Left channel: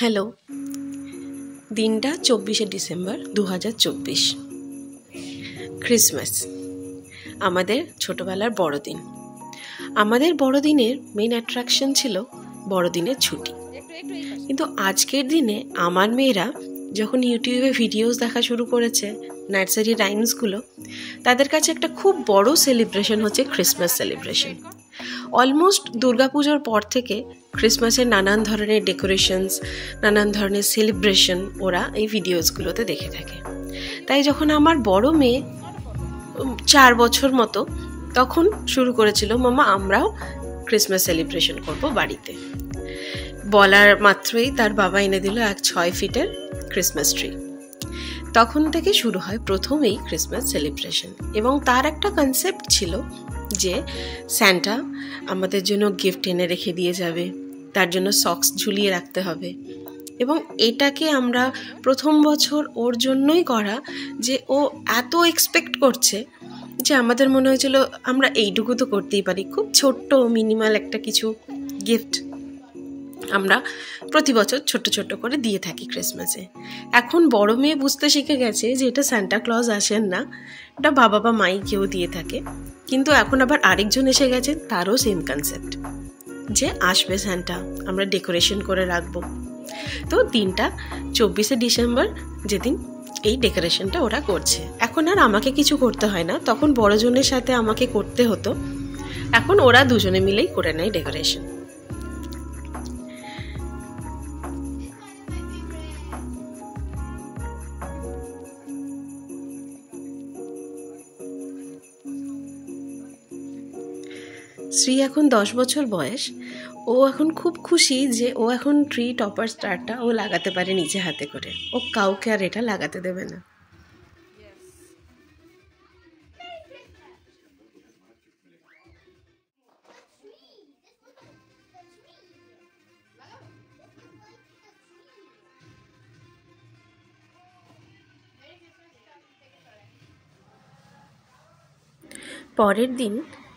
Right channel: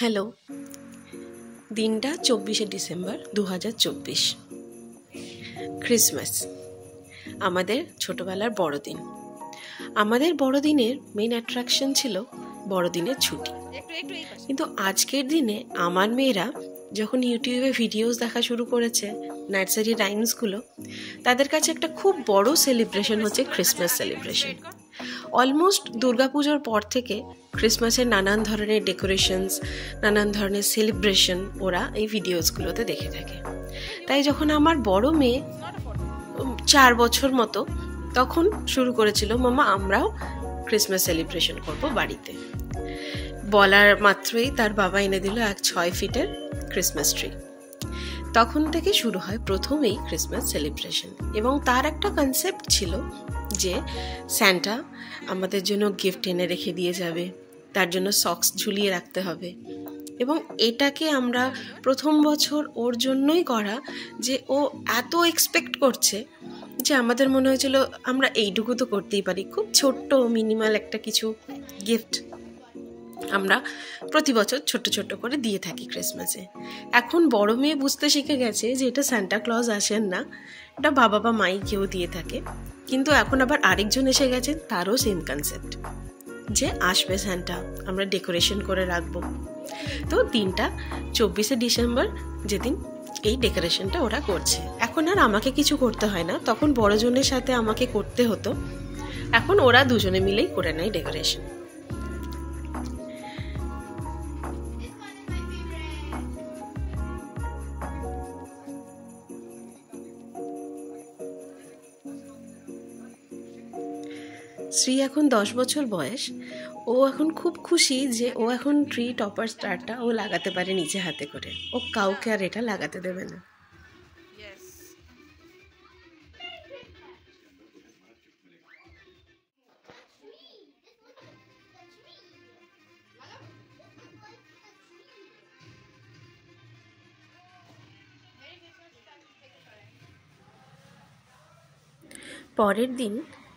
Hello, দিনটা 24শে December 2024। Christmas আমাদের ছোটবেলার বড়দিন। আমাদের বড়দিনের মেইন অ্যাট্রাকশন ছিল বড়দিনের ছুটি। কিন্তু আজকের দিনে আমার মেয়েরা যখন ইউটিউবে ভিডিওস দেখা শুরু করেছে, নার্সারি রাইমসগুলো, তাদের কাছে একটা খুব বড় সেলিব্রেশন হচ্ছে ক্রিসমাস সেলিব্রেশন। অলমোস্ট দুর্গাপুজোর পর থেকে ক্রিসমাসের নানান ধরনের ডেকোরেশনস, নানান ধরনের সেলিব্রেশন ওরা এই ভিডিওসগুলোতে দেখে থাকে। তাই যখন আমার বড় মেয়ে 4 বছর মতো, তখন শুরু করেছিল, মামা আমরাও ক্রিসমাস সেলিব্রেশন করব বাড়িতে। বলার মাত্রই তার বাবা এনে দিল এক 6 ফিটের ক্রিসমাস ট্রি। তখন থেকে শুরু হয় প্রথম এই ক্রিসমাস সেলিব্রেশন। এবং তার একটা কনসেপ্ট ছিল যে স্যান্টা আমাদের জন্য গিফট এনে রেখে দিয়ে যাবে, তার জন্য সক্স ঝুলিয়ে রাখতে হবে। এবং এটাকে আমরা প্রথম বছর ওর জন্যই করা, যে ও এত এক্সপেক্ট করছে যে আমাদের মনে হয়েছিল আমরা এইটুকু তো করতেই পারি, খুব ছোট্ট মিনিমাল একটা কিছু গিফট আমরা প্রতি বছর ছোট্ট ছোট্ট করে দিয়ে থাকি ক্রিসমাসে। এখন বড় মেয়ে বুঝতে শিখে গেছে যে এটা সান্টা ক্লজ আসেন না, এটা বাবা বা মাই কেউ দিয়ে থাকে। কিন্তু এখন আবার আরেকজন এসে গেছে, তারও সেম কনসেপ্ট যে আসবে সান্টা, আমরা ডেকোরেশন করে রাখবো। তো দিনটা 24শে ডিসেম্বর যেদিন এই ডেকোরেশনটা ওরা করছে। এখন আর আমাকে কিছু করতে হয় না, তখন বড়জনের সাথে আমাকে করতে হতো, এখন ওরা দুজনে মিলেই করে নেয় ডেকোরেশন। শ্রী এখন 10 বছর বয়স। ও এখন খুব খুশি যে ও এখন ট্রি টপার স্টারটা ও লাগাতে পারে নিজে হাতে করে। ও কাউকে আর এটা লাগাতে দেবে না। পরের দিন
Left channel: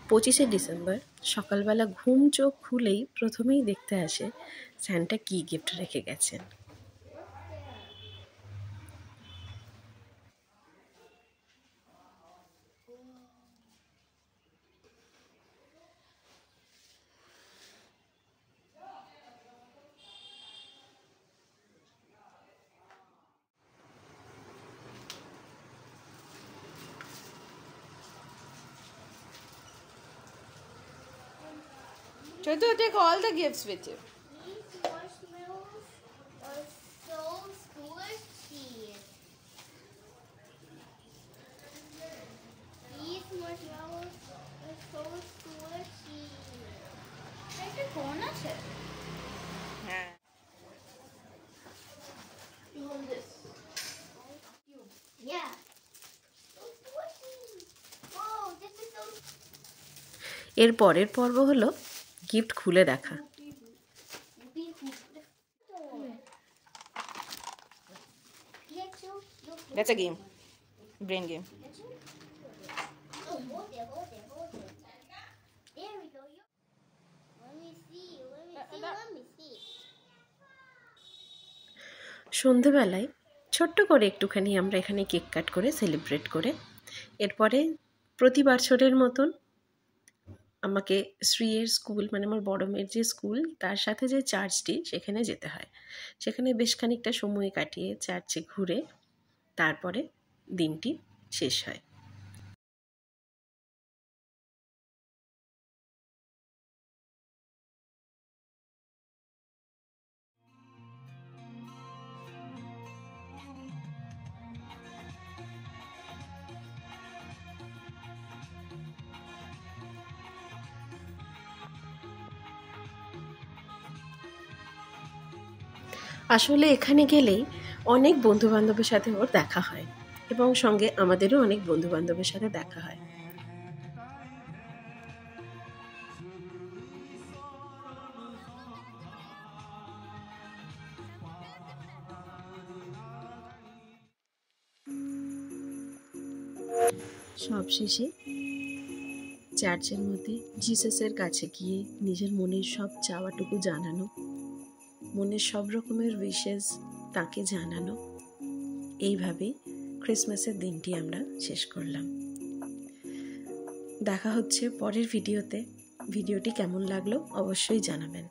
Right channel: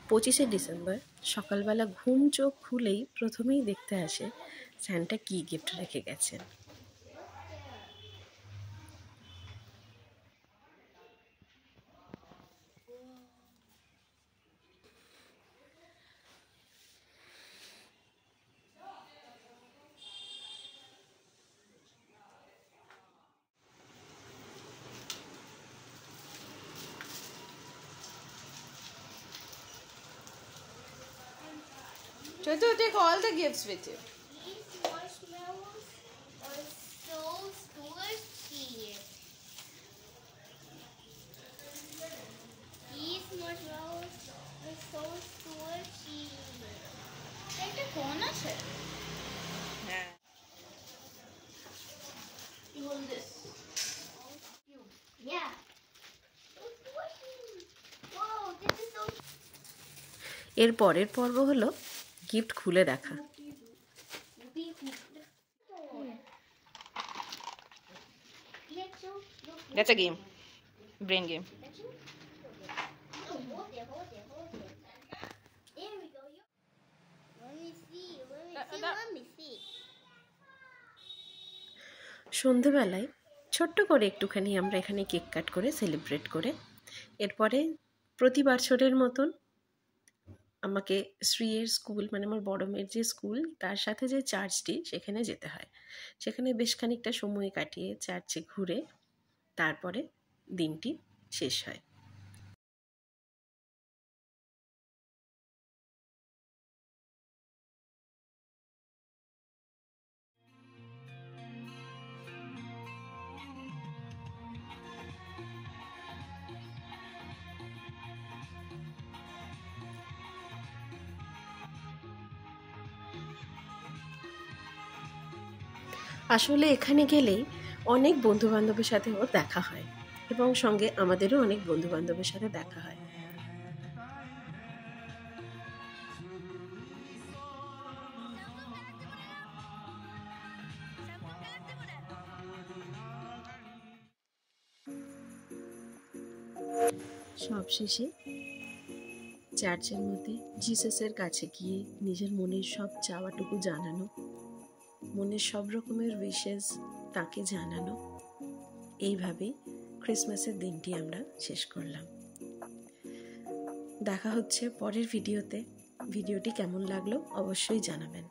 25শে ডিসেম্বর সকালবেলা ঘুম চোখ খুলেই প্রথমেই দেখতে আসে স্যান্টা কি গিফট রেখে গেছেন। Chotu, take all the gifts with you. These marshmallows are so squishy. These marshmallows are so squishy. It's a corner set. You want this? Yeah. So squishy. Oh, this is so. এর পরের পর্ব হলো gift খুলে দেখা। That's a game. Brain game. Oh, hold there. There we go. Let me see. Let me see. সন্ধেবেলায় ছোট্ট করে একটুখানি আমরা এখানে কেক কাট করে সেলিব্রেট করে, এরপরে প্রতি বছরের মতন আমাকে শ্রীয়ের স্কুল, মানে আমার বড় মেয়ের যে স্কুল, তার সাথে যে চার্চটি, সেখানে যেতে হয়। সেখানে বেশ খানিকটা সময় কাটিয়ে চার্চে ঘুরে তারপরে দিনটি শেষ হয়। আসলে এখানে গেলেই অনেক বন্ধু বান্ধবের সাথে ওর দেখা হয়, এবং সঙ্গে আমাদেরও অনেক বন্ধু বান্ধবের সাথে দেখা হয়। সবশেষে চার্চের মধ্যে জিসাসের কাছে গিয়ে নিজের মনের সব চাওয়াটুকু জানানো, মনের সব রকমের উইশেস তাকে জানানো। এইভাবেই ক্রিসমাসের দিনটি আমরা শেষ করলাম। দেখা হচ্ছে পরের ভিডিওতে। ভিডিওটি কেমন লাগলো অবশ্যই জানাবেন।